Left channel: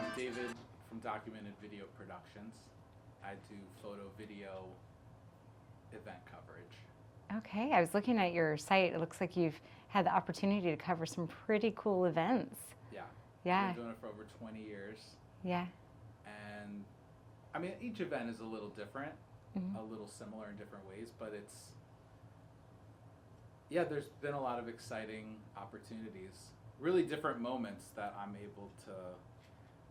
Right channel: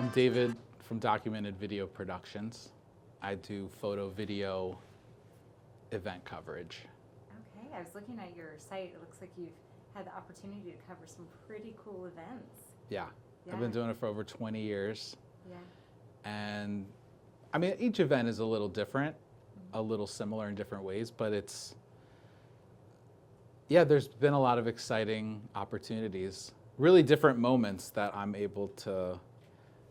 I'm David from Documented Video Productions. I do photo, video, event coverage. Okay, I was looking at your site. It looks like you've had the opportunity to cover some pretty cool events. Yeah. Yeah. I've been doing it for over 20 years. Yeah. And I mean, each event is a little different, a little similar in different ways, but there's been a lot of exciting opportunities, really different moments that I'm able to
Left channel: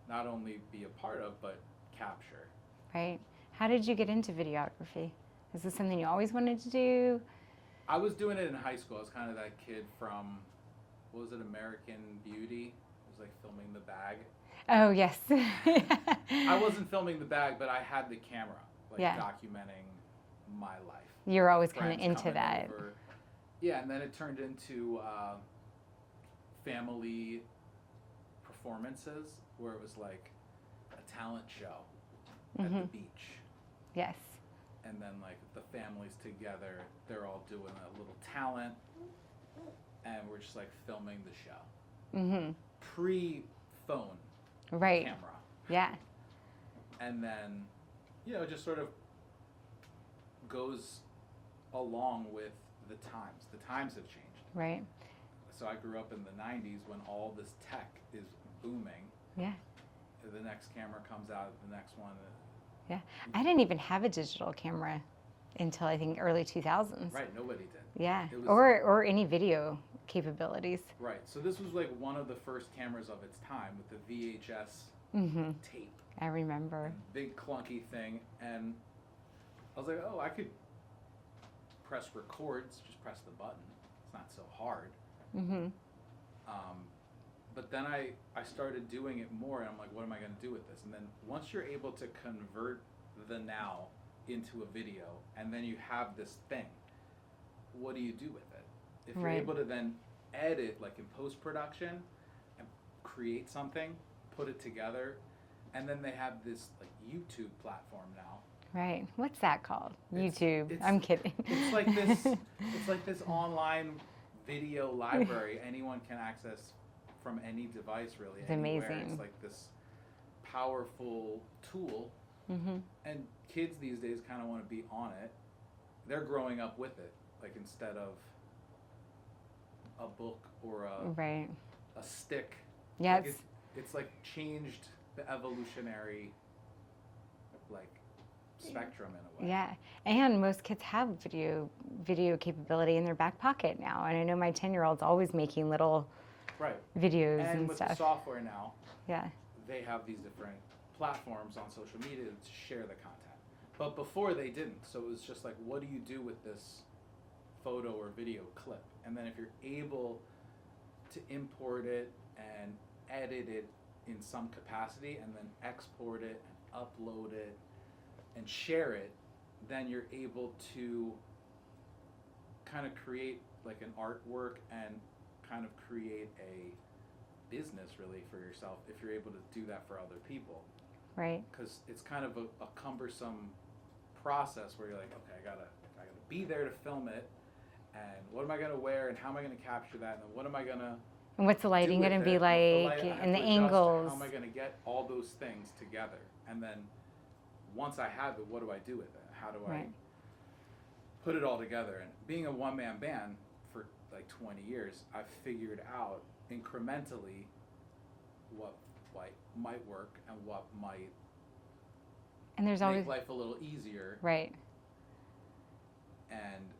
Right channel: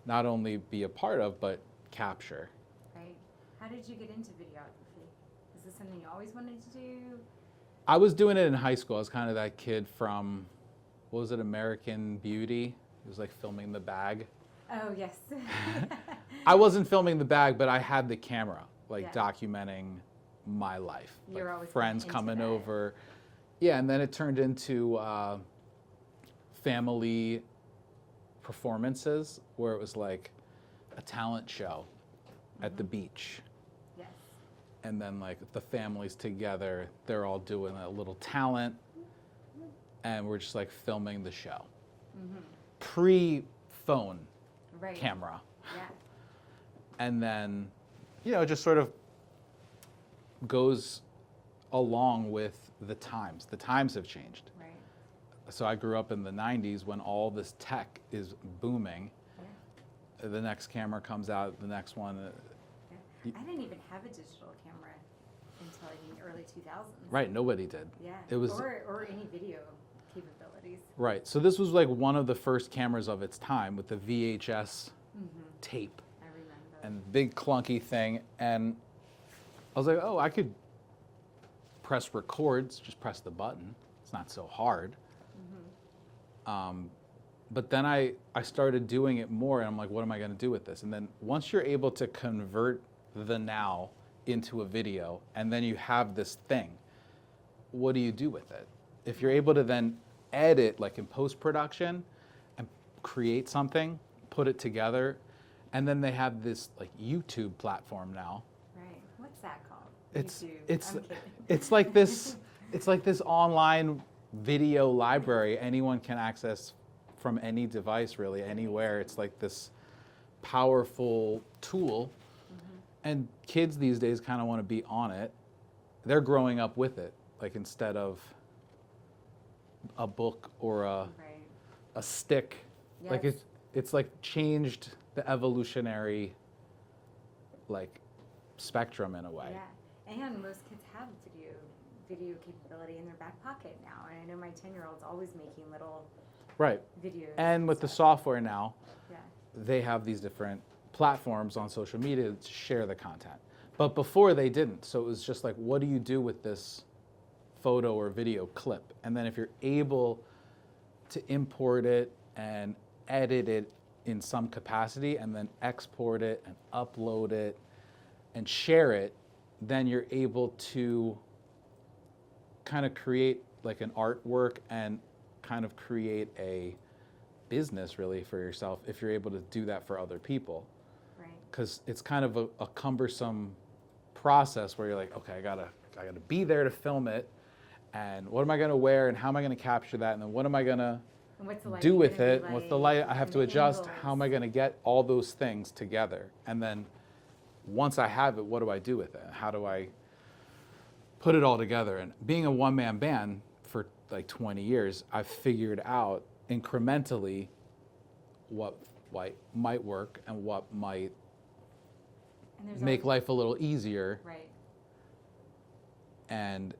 not only be a part of, but capture. Right. How did you get into videography? Is this something you always wanted to do? I was doing it in high school. I was kind of that kid from, what was it, American Beauty? It was like filming the bag. Oh, yes. I wasn't filming the bag, but I had the camera, like Yeah. documenting my life. You were always kind Friends of into coming that. over. Yeah, and then it turned into family performances where it was like a talent show at the beach. Yes. And then like the families together, they're all doing a little talent, and we're just like filming the show. Pre-phone Right. camera. Yeah. And then, it just sort of goes along with the times. The times have changed. Right. So I grew up in the 90s when all this tech is booming. Yeah. The next camera comes out, the next one. Yeah. I didn't even have a digital camera until I think early 2000s. Right, nobody did. Yeah. It was, or any video capabilities. right, so this was like one of the first cameras of its time with the VHS tape I remember. and big clunky thing. And I was like, oh, I could press records, just press the button. It's not so hard. But then I started doing it more, and I'm like, what am I going to do with this? And then once you're able to convert the now into a video, and then you have this thing, what do you do with it? If you're Right. able to then edit, like in post-production, and create something, put it together, and then they have this like YouTube platform now. Right. What's that called? It's- YouTube. it's- I'm kidding. It's like this online video library anyone can access from any device, really, It's anywhere. amazing. It's like this powerful tool. And kids these days kind of want to be on it. They're growing up with it, like instead of a book or Right. a stick. Yeah. Like it's like changed the evolutionary like spectrum in a way. Yeah, and most kids have video capability in their back pocket now. And I know my 10-year-old's always making little Right. videos. And with stuff. the software now, Yeah, they have these different platforms on social media to share the content. But before they didn't. So it was just like, what do you do with this photo or video clip? And then if you're able to import it and edit it in some capacity and then export it and upload it and share it, then you're able to kind of create like an artwork and kind of create a business really for yourself if you're able to do that for other people. right. Because it's kind of a cumbersome process where you're like, okay, I gotta be there to film it, and what am I gonna wear and how am I gonna capture that, and then what am I gonna And what's the do lighting with going to it? be like? What's the light? I have and to the adjust. angles. How am I gonna get all those things together? And then once I have it, what do I do with it? How do I Right. put it all together? And being a one-man band for like 20 years, I've figured out incrementally what might work and what might And there's make always life a little easier. right. And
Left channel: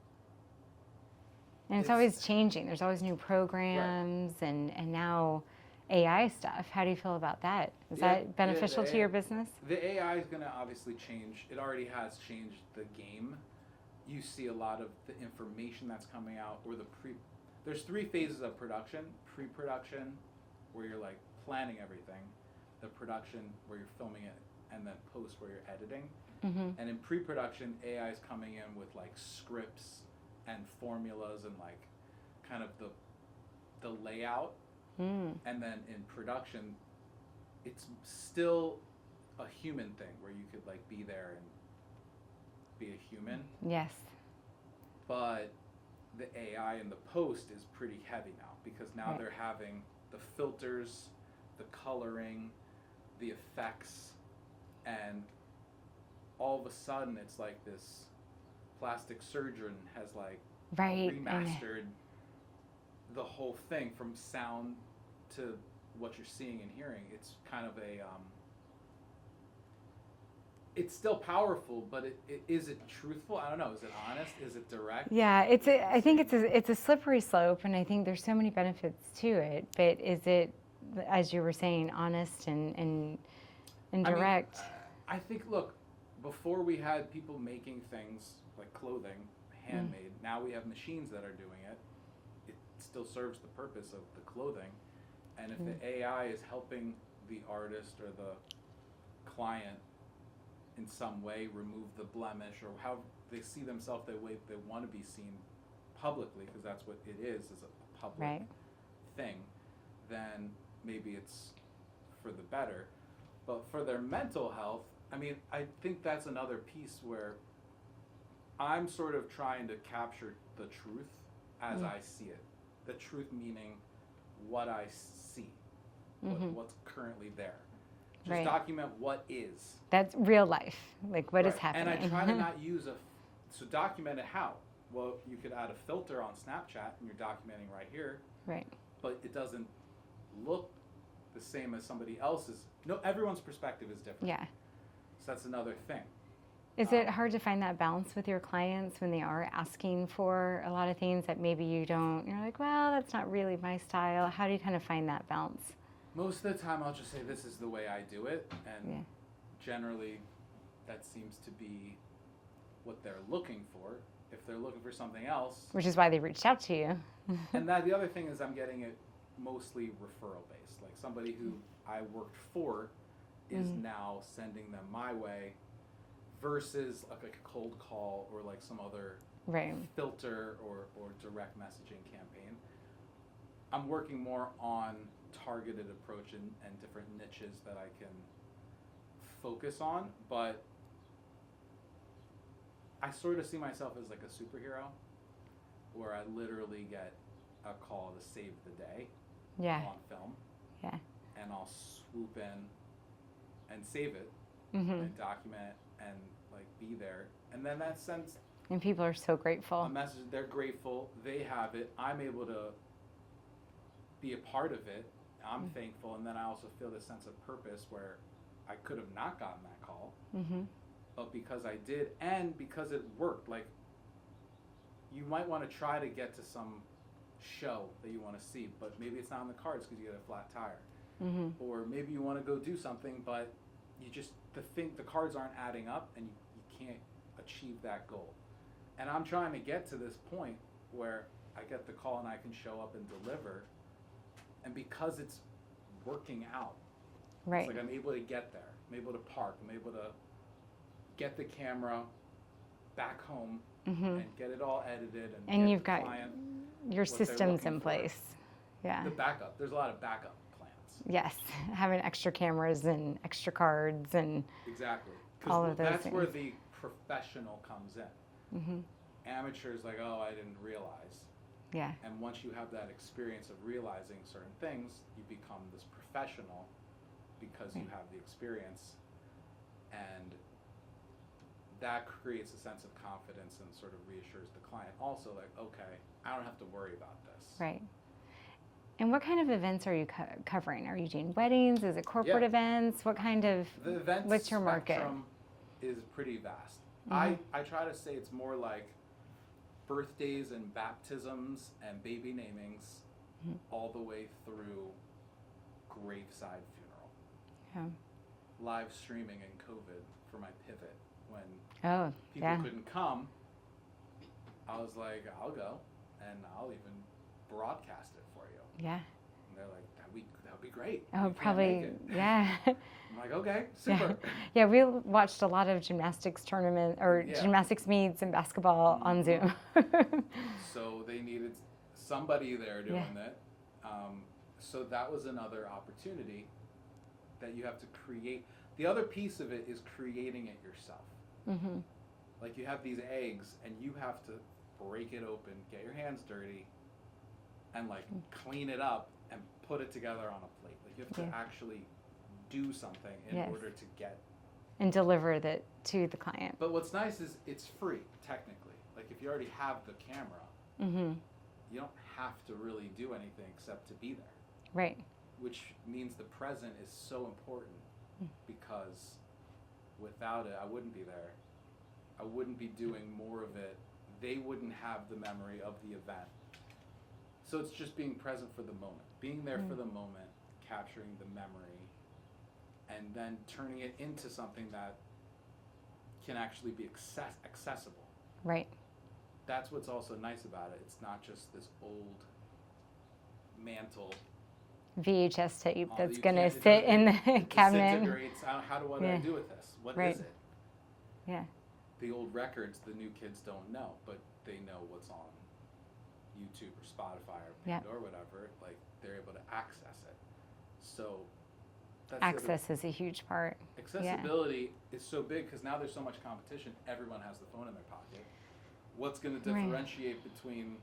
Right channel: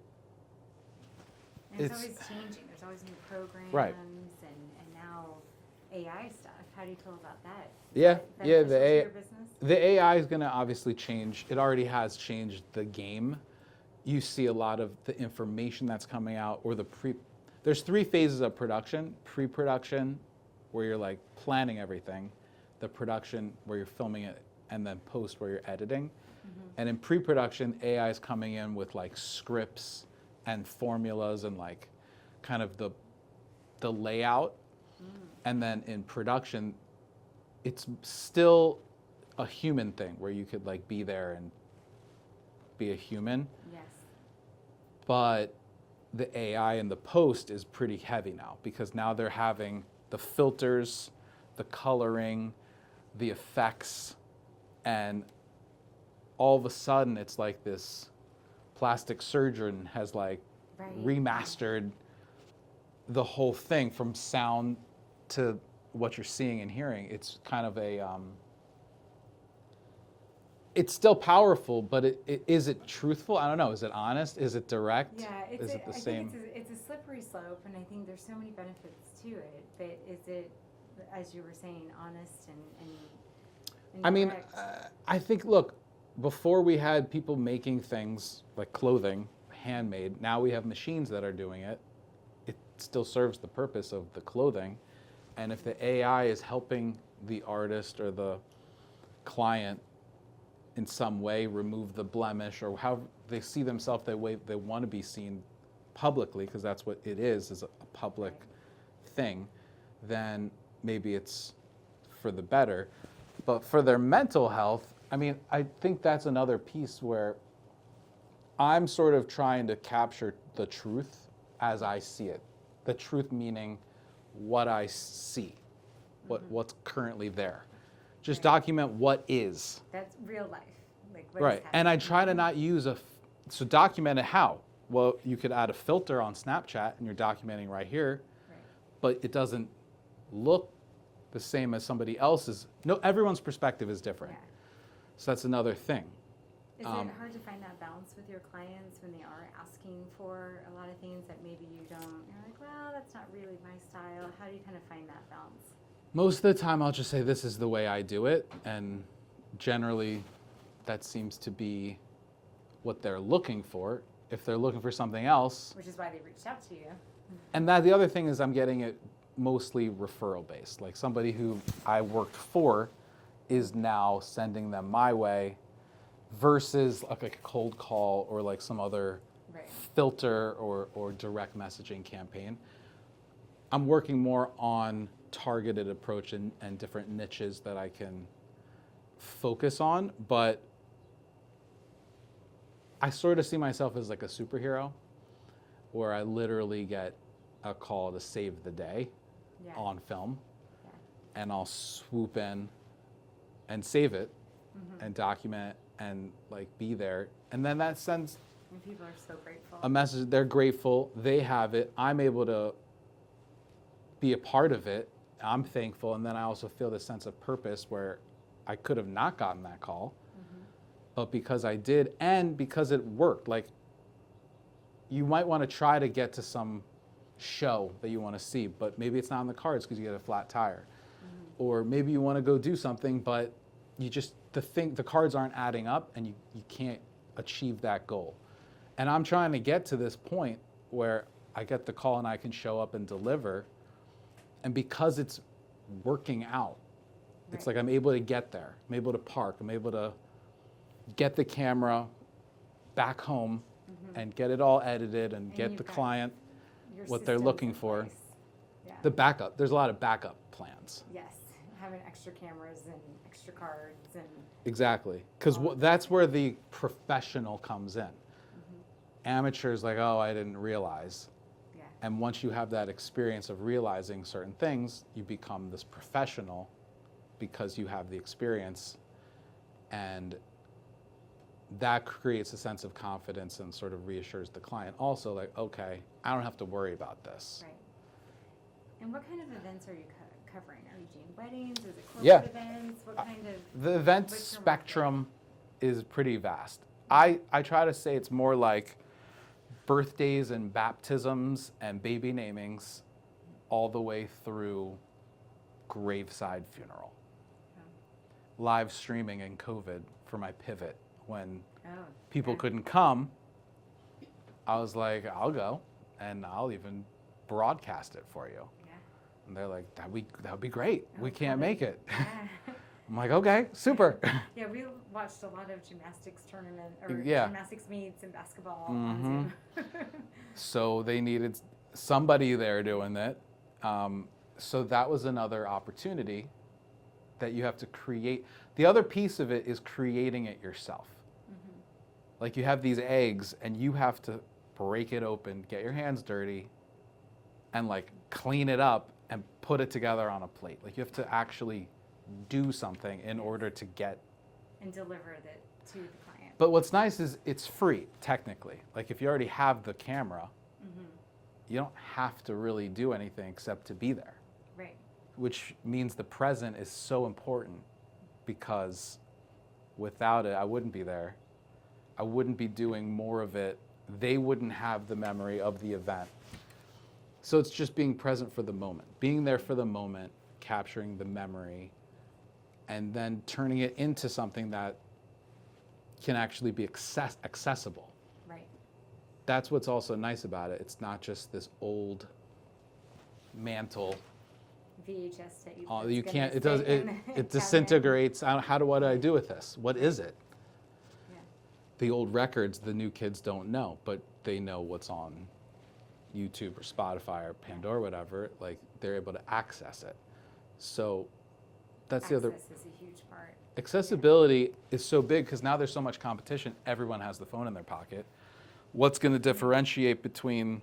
And it's It's- always changing. There's always new programs and now AI stuff. How do you feel about that? Is that beneficial to your business? the AI is going to obviously change. It already has changed the game. You see a lot of the information that's coming out, or there's 3 phases of production: pre-production, where you're like planning everything; the production, where you're filming it; and then post, where you're editing. And in pre-production, AI is coming in with like scripts and formulas and like kind of the layout. And then in production, it's still a human thing where you could like be there and be a human. Yes. But the AI in the post is pretty heavy now, because now they're having the filters, the coloring, the effects, and all of a sudden it's like this plastic surgeon has like remastered the whole thing from sound to what you're seeing and hearing. It's kind of a it's still powerful, but is it truthful? I don't know. Is it honest? Is it direct? Yeah, I think it's a slippery slope, and I think there's so many benefits to it. But is it, as you were saying, honest and direct? I think, look, before we had people making things like clothing, handmade. Now we have machines that are doing it. It still serves the purpose of the clothing. And if the AI is helping the artist or the client in some way remove the blemish, or how they see themselves the way they want to be seen publicly, because that's what it is a public thing, then maybe it's for the better. But for their mental health, I mean, I think that's another piece where I'm sort of trying to capture the truth as I see it. The truth meaning what I see, what's currently there. Just document what is. That's real life, like what is happening. And I try to not use so document it how? Well, you could add a filter on Snapchat and you're documenting right here. Right. But it doesn't look the same as somebody else's. No, everyone's perspective is different. Yeah. So that's another thing. Is it hard to find that balance with your clients when they are asking for a lot of things that maybe you don't, you're like, well, that's not really my style. How do you kind of find that balance? Most of the time I'll just say this is the way I do it, and generally that seems to be what they're looking for. If they're looking for something else, which is why they reached out to you. And that the other thing is I'm getting it mostly referral based. Like somebody who I worked for is now sending them my way versus like a cold call or like some other filter or direct messaging campaign. I'm working more on targeted approach and different niches that I can focus on, but I sort of see myself as like a superhero where I literally get a call to save the day on film. Yeah. And I'll swoop in and save it and document and like be there. And then that sends, and people are so grateful, a message. They're grateful, they have it, I'm able to be a part of it, I'm thankful, and then I also feel this sense of purpose where I could have not gotten that call, but because I did, and because it worked. Like, you might want to try to get to some show that you want to see, but maybe it's not on the cards because you get a flat tire. Or maybe you want to go do something, but you just, the cards aren't adding up and you can't achieve that goal. And I'm trying to get to this point where I get the call and I can show up and deliver. And because it's working out, it's like I'm able to get there. I'm able to park. I'm able to get the camera back home and get it all edited and get the client what they're looking for. Place. Yeah. The backup. There's a lot of backup plans. Yes, having extra cameras and extra cards and exactly, because that's where the professional comes in. Amateurs like, oh, I didn't realize. Yeah. And once you have that experience of realizing certain things, you become this professional because you have the experience, and that creates a sense of confidence and sort of reassures the client also, like, okay, I don't have to worry about this. Right. And what kind of events are you covering? Are you doing weddings? Is it corporate events? What kind of... The event spectrum is pretty vast. I try to say it's more like birthdays and baptisms and baby namings all the way through graveside funeral. Yeah. Live streaming in COVID for my pivot when people couldn't come. I was like, I'll go and I'll even broadcast it for you. Yeah. And they're like, that would be great. Oh, we can't make it. Yeah. I'm like, okay, super. Yeah, we watched a lot of gymnastics gymnastics meets and basketball on Zoom. So they needed somebody there doing it. So that was another opportunity that you have to create. The other piece of it is creating it yourself. Like, you have these eggs and you have to break it open, get your hands dirty, and like clean it up and put it together on a plate. Like, you have to actually do something in Yes. order to get. And deliver that to the client. But what's nice is it's free, technically. Like if you already have the camera, you don't have to really do anything except to be there. Right. Which means the present is so important, because without it, I wouldn't be there. I wouldn't be doing more of it. They wouldn't have the memory of the event. So it's just being present for the moment, being there for the moment, capturing the memory, and then turning it into something that can actually be accessible. Right. That's what's also nice about it. It's not just this old mantle. VHS tape Oh, that's you going to can't- sit it in the it cabinet. disintegrates. What do I Yeah. do with this? What Right. is it? Yeah. The old records, the new kids don't know, but they know what's on YouTube or Spotify or Yeah. Pandora, whatever. Like they're able to access it. So that's the other. Access is a huge part. Accessibility is so big because now there's so much competition. Everyone has the phone in their pocket. What's going to differentiate between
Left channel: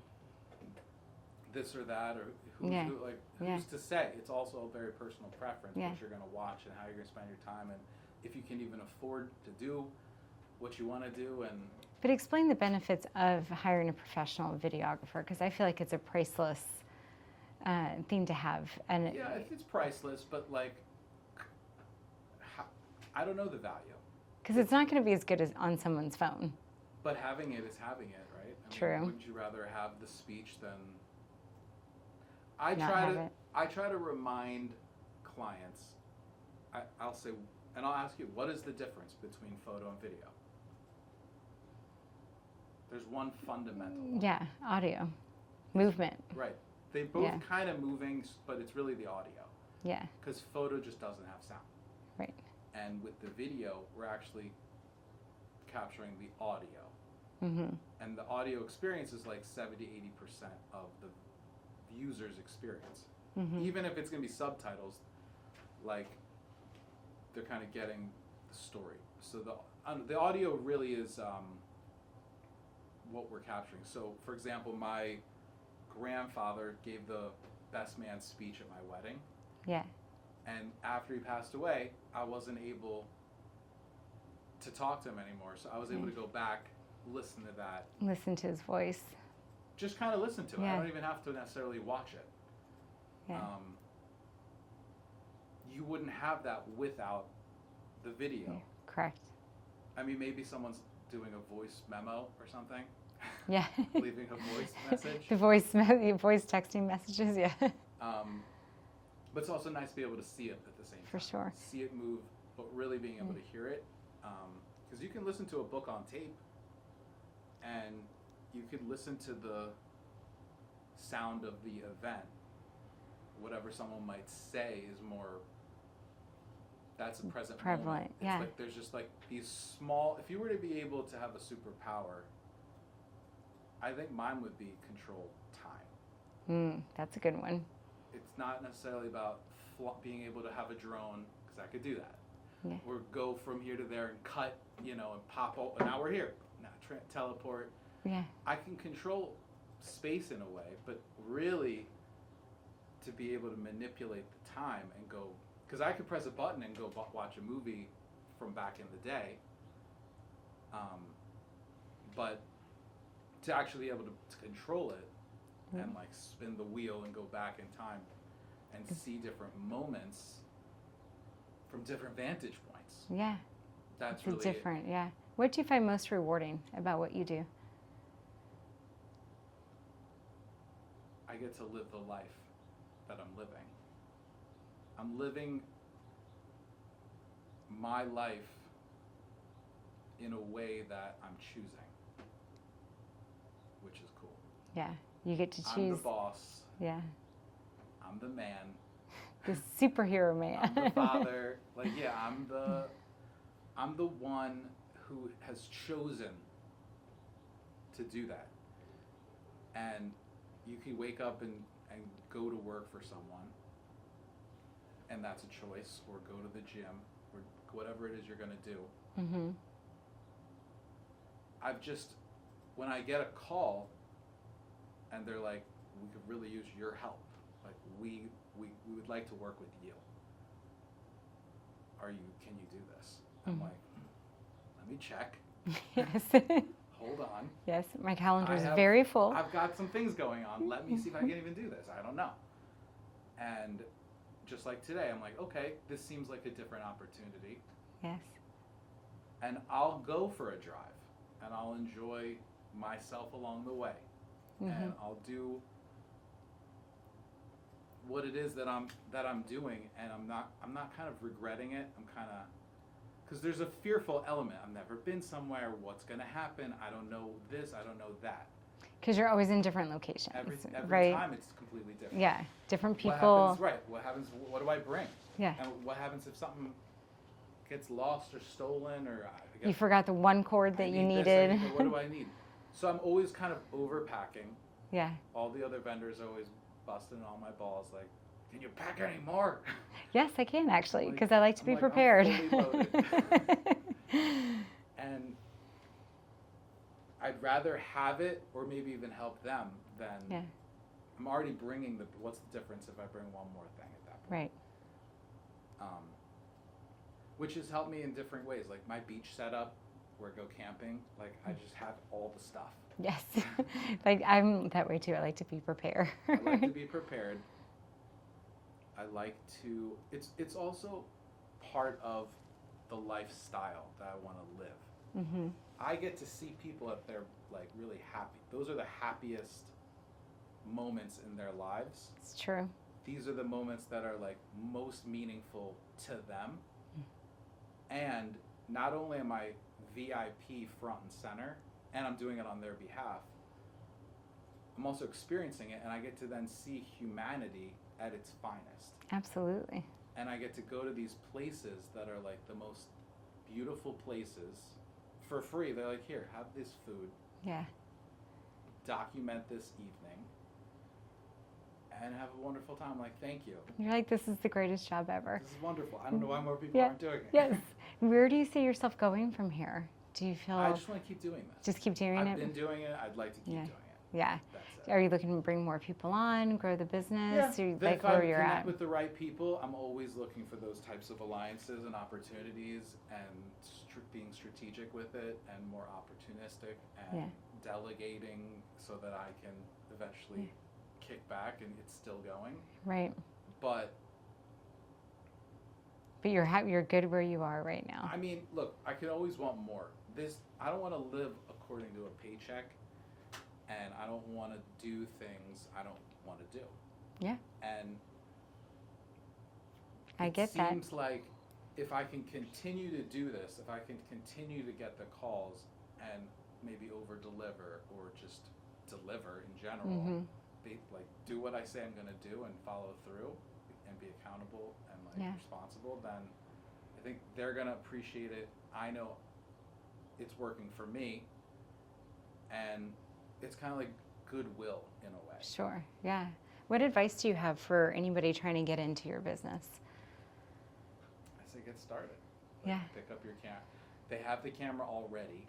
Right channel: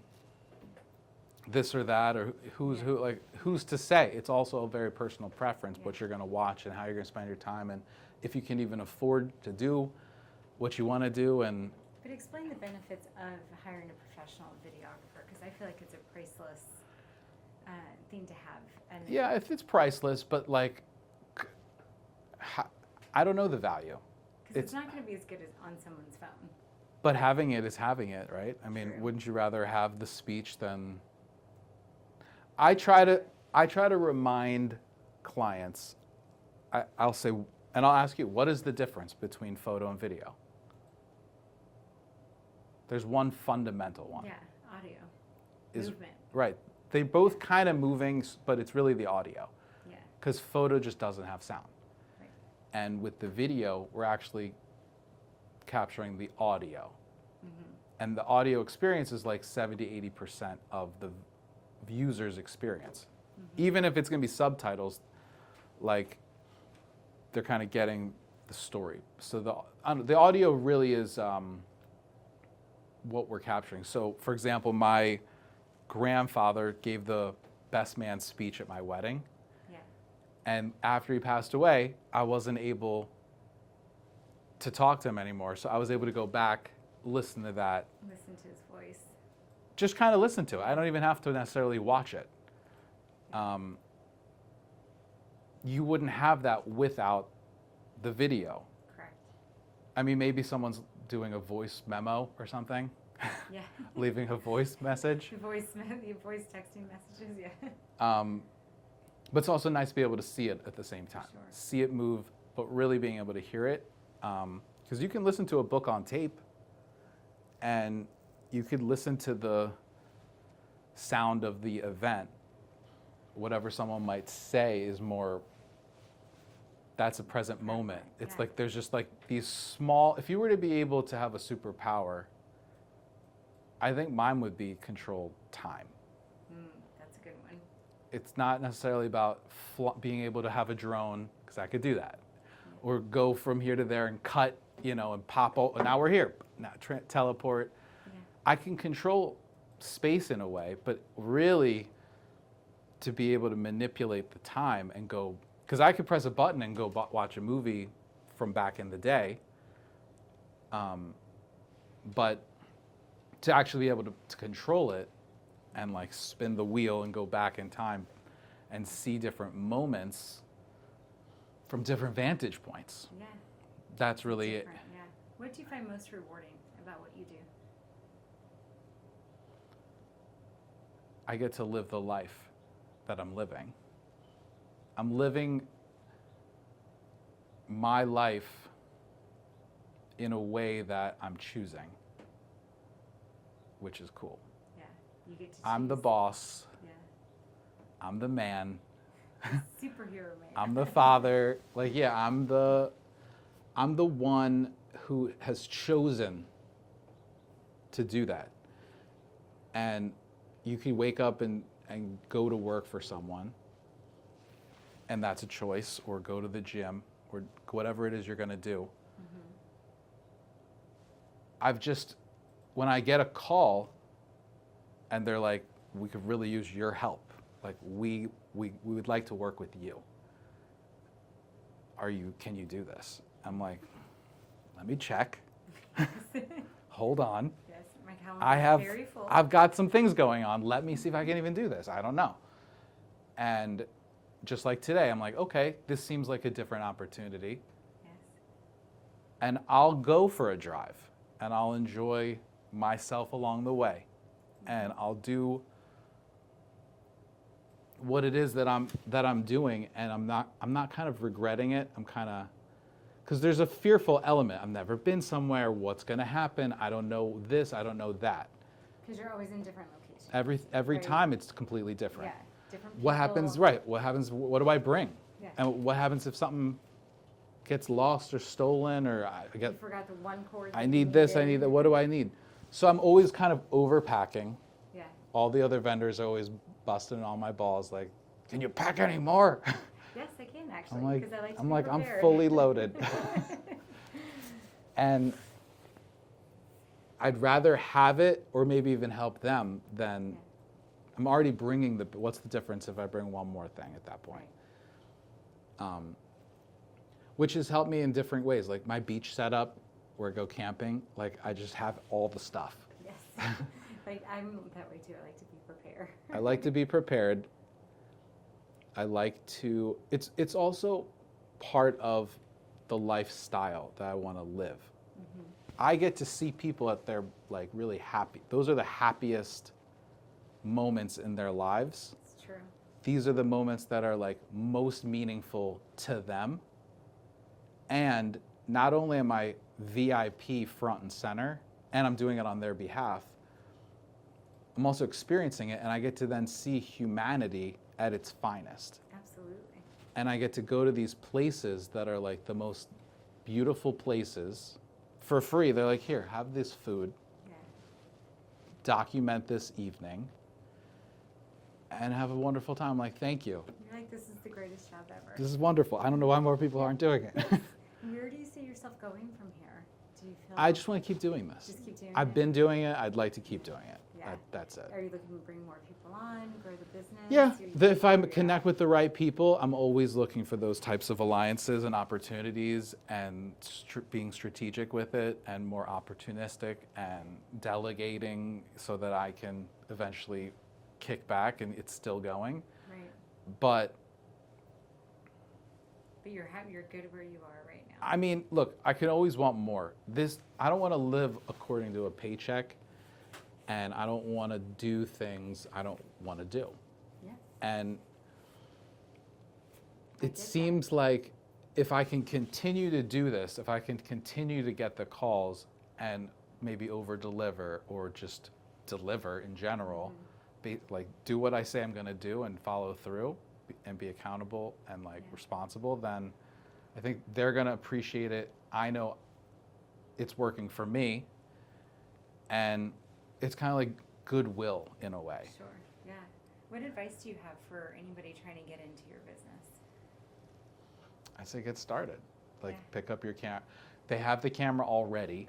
this or that, or who's to say? It's also a very personal preference what you're going to watch and how you're going to spend your time, and if you can even afford to do what you want to do. And But explain the benefits of hiring a professional videographer, because I feel like it's a priceless thing to have. And yeah, it's priceless, but like I don't know the value. because it's not going to be as good as on someone's phone. But having it is having it, right? I mean, True. wouldn't you rather have the speech than? I Not try have to it. I try to remind clients. I'll say, and I'll ask you, what is the difference between photo and video? There's one fundamental one. Yeah, audio, Is- movement. Right. They both Yeah. kind of moving, but it's really the audio, Yeah, because photo just doesn't have sound. right. And with the video, we're actually capturing the audio. And the audio experience is like 70-80% of the user's experience. Even if it's going to be subtitles, like they're kind of getting the story. So the audio really is what we're capturing. So for example, my grandfather gave the best man speech at my wedding. Yeah, And after he passed away, I wasn't able to talk to him anymore. So I was able to go back, listen to that, listen to his voice. just kind of listen to it. I Yeah. don't even have to necessarily watch it. Yeah. You wouldn't have that without the video. Correct. I mean, maybe someone's doing a voice memo or something, Yeah. leaving a voice message. The voice texting messages. Yeah. But it's also nice to be able to see it at the same For time. sure. See it move, but really being able to hear it. Because you can listen to a book on tape, and you could listen to the sound of the event. Whatever someone might say is more, that's a present moment. Prevalent, It's yeah. like there's just like these small, if you were to be able to have a superpower, I think mine would be control time. That's a good one. It's not necessarily about being able to have a drone, because I could do that. Yeah. Or go from here to there and cut, and pop out. Now we're here. Now teleport. Yeah. I can control space in a way, but really to be able to manipulate the time and go, because I could press a button and go watch a movie from back in the day. But to actually be able to control it and like spin the wheel and go back in time and see different moments from different vantage points. Yeah. That's It's really it. different. Yeah. What do you find most rewarding about what you do? I get to live the life that I'm living. I'm living my life in a way that I'm choosing, which is cool. Yeah. You get to choose. I'm the boss. Yeah. I'm the man. The superhero man. I'm the father. Like, yeah, I'm the one who has chosen to do that. And you can wake up and go to work for someone, and that's a choice, or go to the gym, or whatever it is you're going to do. When I get a call and they're like, we could really use your help. Like, we would like to work with you. can you do this? I'm like, let me check. Yes. Hold on. Yes, my calendar is very full. I've got some things going on. Let me see if I can even do this. I don't know. And just like today, I'm like, okay, this seems like a different opportunity. Yes. And I'll go for a drive and I'll enjoy myself along the way. And I'll do what it is that I'm doing, and I'm not kind of regretting it. I'm kind of, because there's a fearful element. I've never been somewhere. What's going to happen? I don't know this. I don't know that. Because you're always in different locations. Every right? time it's completely different. Yeah, different people. What happens? Right. What happens? What do I bring? Yeah. And what happens if something gets lost or stolen, or I get, you forgot the one cord that I you need needed. this. I need that. What do I need? So I'm always kind of overpacking. Yeah. All the other vendors are always busting all my balls. Like, can you pack any more? Yes, I can actually, I'm because I like to be I'm prepared. I'm fully loaded. And I'd rather have it or maybe even help them than I'm already bringing what's the difference if I bring one more thing at that point? Right. Which has helped me in different ways. Like my beach setup where I go camping, like I just have all the stuff. Yes. Like I'm that way too. I like to be prepared. I like to be prepared. I like to, it's also part of the lifestyle that I want to live. I get to see people at their like really happy. Those are the happiest moments in their lives. It's true. These are the moments that are like most meaningful to them. And not only am I VIP front and center, and I'm doing it on their behalf, I'm also experiencing it, and I get to then see humanity at its finest. Absolutely. And I get to go to these places that are like the most beautiful places for free. They're like, here, have this food. Yeah. Document this evening and have a wonderful time. I'm like, thank you. You're like, this is the greatest job ever. This is wonderful. I don't know why more people aren't doing it. Yes. Where do you see yourself going from here? Do you feel? I just want to keep doing this. Just keep doing it? I've been doing it. I'd like to keep doing it. Yeah. That's it. Are you looking to bring more people on, grow the business? Yeah. Or you If like I where you're connect at? with the right people, I'm always looking for those types of alliances and opportunities and being strategic with it and more opportunistic and delegating so that I can eventually kick back and it's still going. Right. But you're good where you are right now. I mean, look, I could always want more. I don't want to live according to a paycheck, and I don't want to do things I don't want to do. Yeah. And I it get seems that. like if I can continue to do this, if I can continue to get the calls and maybe over deliver or just deliver in general, like do what I say I'm going to do and follow through and be accountable and like responsible, then I think they're going to appreciate it. I know it's working for me, and it's kind of like goodwill in a way. Sure. Yeah. What advice do you have for anybody trying to get into your business? I say get started. Like pick up your camera. They have the camera already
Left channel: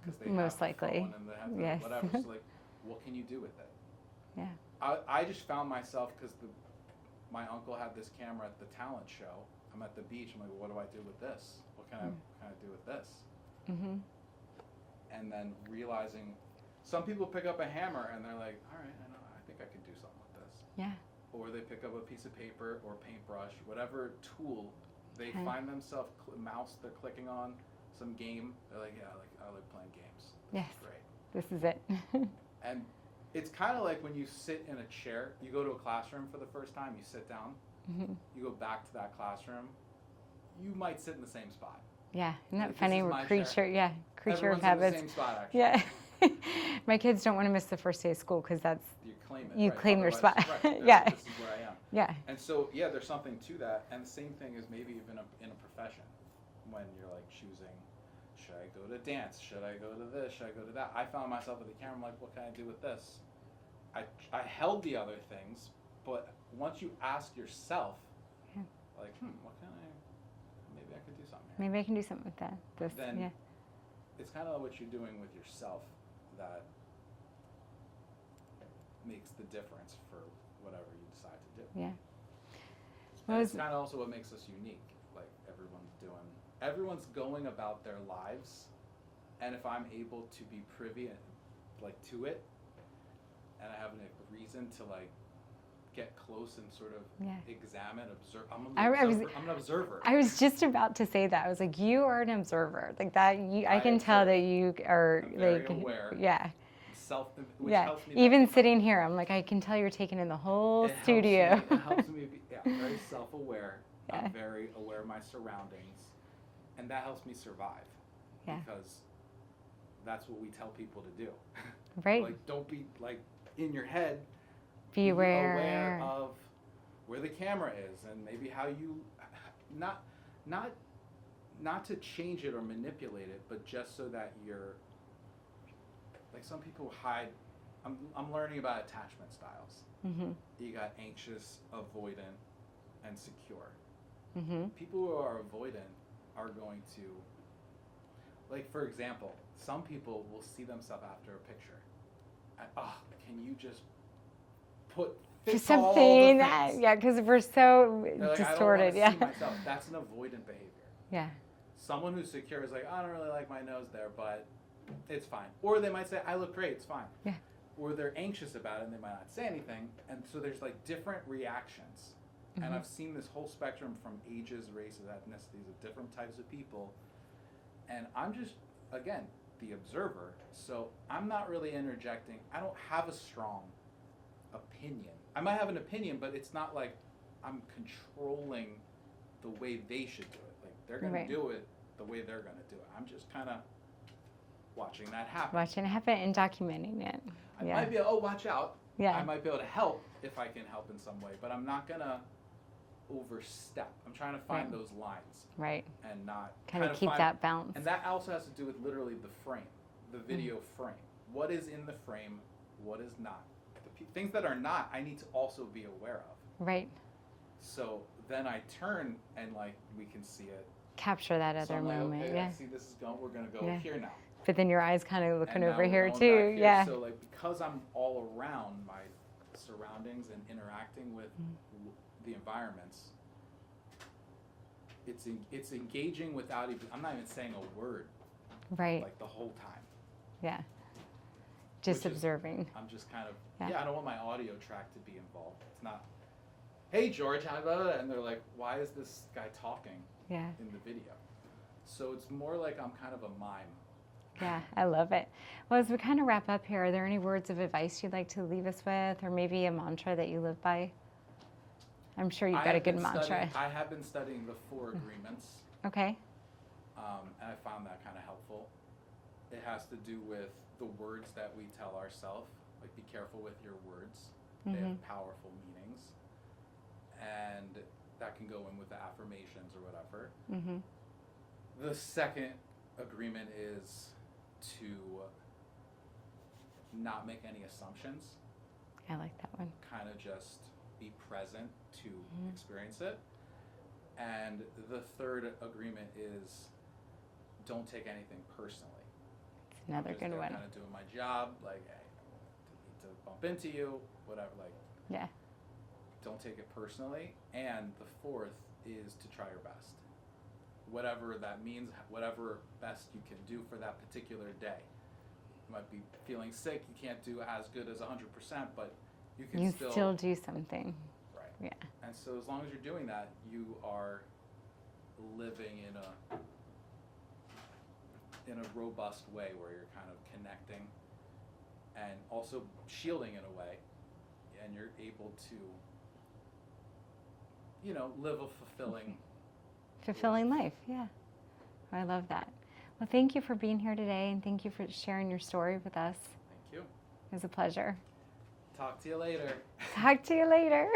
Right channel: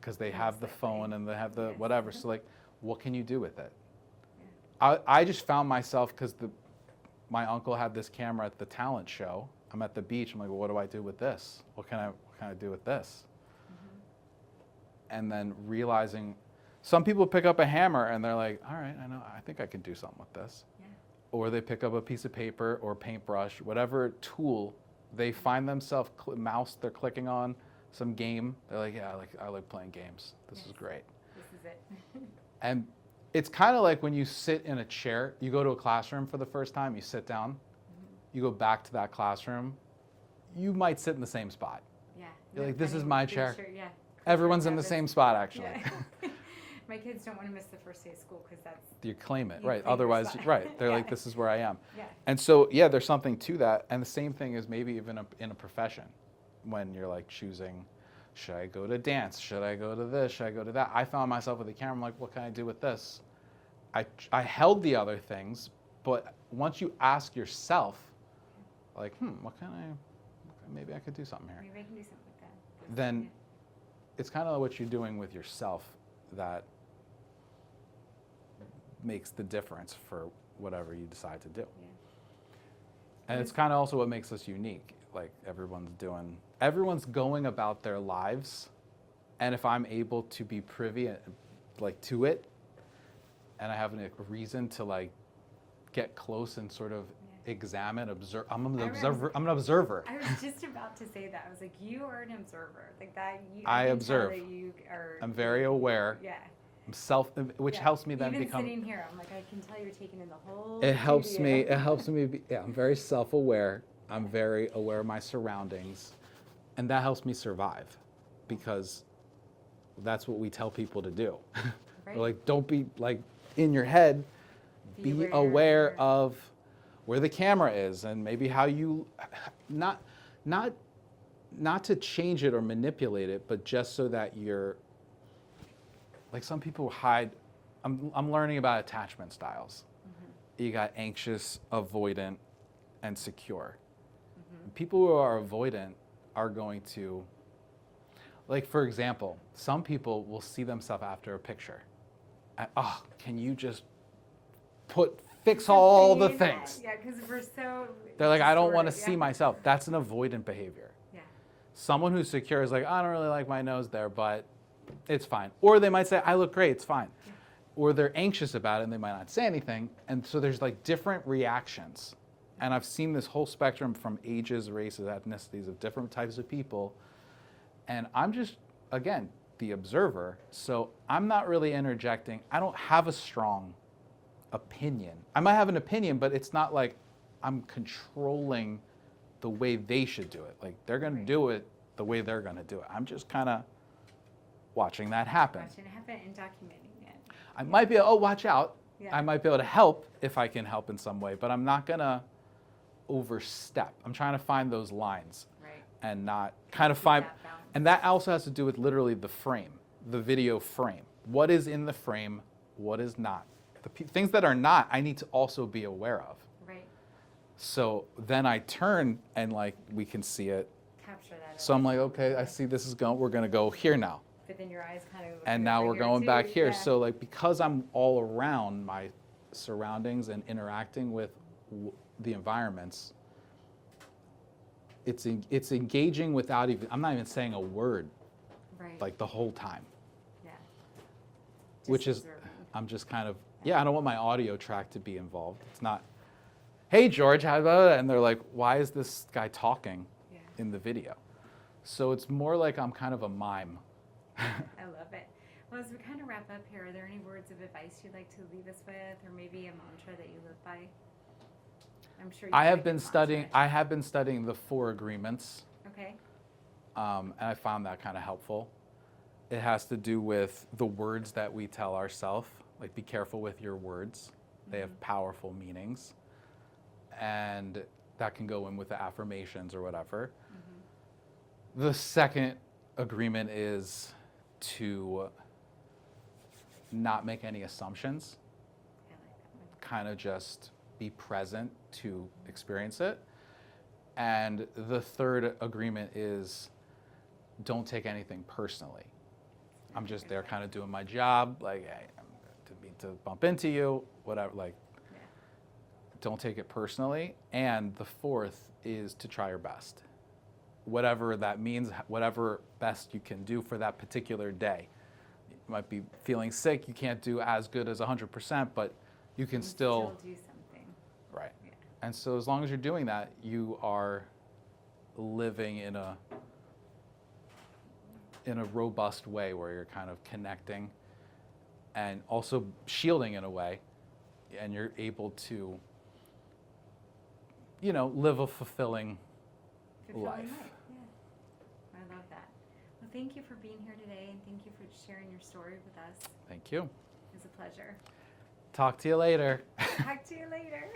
because they have the phone and they have the whatever. So like, what can you do with it? Yeah. I just found myself because my uncle had this camera at the talent show. I'm at the beach. I'm like, well, what do I do with this? What can I do with this? And then realizing some people pick up a hammer and they're like, all right, I think I could do something with this. Yeah. Or they pick up a piece of paper or paintbrush, whatever tool they find themselves mouse they're clicking on, some game. They're like, yeah, I like playing games. This is great. This is it. And it's kind of like when you sit in a chair, you go to a classroom for the first time, you sit down, you go back to that classroom, you might sit in the same spot. Yeah. Like, this is my chair. Yeah. Everyone's in the same spot, actually. Yeah. My kids don't want to miss the first day of school because that's You claim it, you right? claim your Otherwise, spot. right? They're Yeah. like, this is where I am. Yeah. And so, yeah, there's something to that. And the same thing is maybe even in a profession, when you're like choosing, should I go to dance? Should I go to this? Should I go to that? I found myself with the camera. I'm like, what can I do with this? I held the other things, but once you ask yourself, like, what can maybe I could do something here. Maybe I can do something with that. Then it's kind of what you're doing with yourself that makes the difference for whatever you decide to do. Yeah. And it's kind of also what makes us unique. like everyone's going about their lives, and if I'm able to be privy like to it, and I have a reason to like get close and sort of examine, observe. I'm an observer. I was just about to say that. I was like, you are an observer. Like that. I can observe. tell that you are. I'm very aware. Yeah. Which helps me. Even sitting here, I'm like, I can tell you're taking in the whole studio. It helps me. I'm very self-aware. Yeah. I'm very aware of my surroundings, and that helps me survive, because that's what we tell people to do. Right. Like, don't be like in your head. Be aware of where the camera is, and maybe how you not to change it or manipulate it, but just so that you're like, some people hide. I'm learning about attachment styles. Mm-hmm. You got anxious, avoidant, and secure. Mm-hmm. People who are avoidant are going to, like, for example, some people will see themselves after a picture. And, can you just fix all the things? Yeah, because we're so They're like, distorted. I don't want to see myself. That's an avoidant behavior. Yeah. Someone who's secure is like, I don't really like my nose there, but it's fine. Or they might say, I look great, it's fine. Yeah. Or they're anxious about it and they might not say anything. And so there's like different reactions. Mm-hmm. And I've seen this whole spectrum from ages, races, ethnicities of different types of people. And I'm just, again, the observer. So I'm not really interjecting. I don't have a strong opinion. I might have an opinion, but it's not like I'm controlling the way they should do it. Like, they're going to do it the way they're going to do it. I'm just kind of watching that happen. Watching it happen and documenting it. I might be, watch out. Yeah. I might be able to help if I can help in some way, but I'm not going to overstep. I'm trying to find those lines. Right. And not kind of find that balance. And that also has to do with literally the frame, the video frame. What is in the frame? What is not? The things that are not, I need to also be aware of. Right. So then I turn and like we can see it. Capture that. So I'm like, okay, I see this is going. We're going to go here now. But then your eyes kind of looking and now over we're here going too. back here. Yeah. So like, because I'm all around my surroundings and interacting with the environments, it's engaging without even. I'm not even saying a word. Right. Like the whole time. Yeah. Just observing. I'm just kind of, I don't want my audio track to be involved. It's not, hey, George, how about it? And they're like, why is this guy talking in the video? So it's more like I'm kind of a mime. Yeah, I love it. Well, as we kind of wrap up here, are there any words of advice you'd like to leave us with, or maybe a mantra that you live by? I'm sure you've got a good mantra. I have been studying the 4 agreements. Okay. And I found that kind of helpful. It has to do with the words that we tell ourselves. Like, be careful with your words. They have powerful meanings. And that can go in with the affirmations or whatever. Mm-hmm. The second agreement is to not make any assumptions. I like that one. Kind of just be present to experience it. And the third agreement is don't take anything personally. I'm just there kind of doing my job, like, hey, to bump into you, whatever, like, don't take it personally. And the fourth is to try your best. Whatever that means, whatever best you can do for that particular day. You might be feeling sick, you can't do as good as 100%, but you can still do something. Right. Yeah. And so as long as you're doing that, you are living in a robust way where you're kind of connecting and also shielding in a way, and you're able to, live a fulfilling life. Yeah. I love that. Well, thank you for being here today, and thank you for sharing your story with us. Thank you. It was a pleasure. Talk to you later. Talk to you later.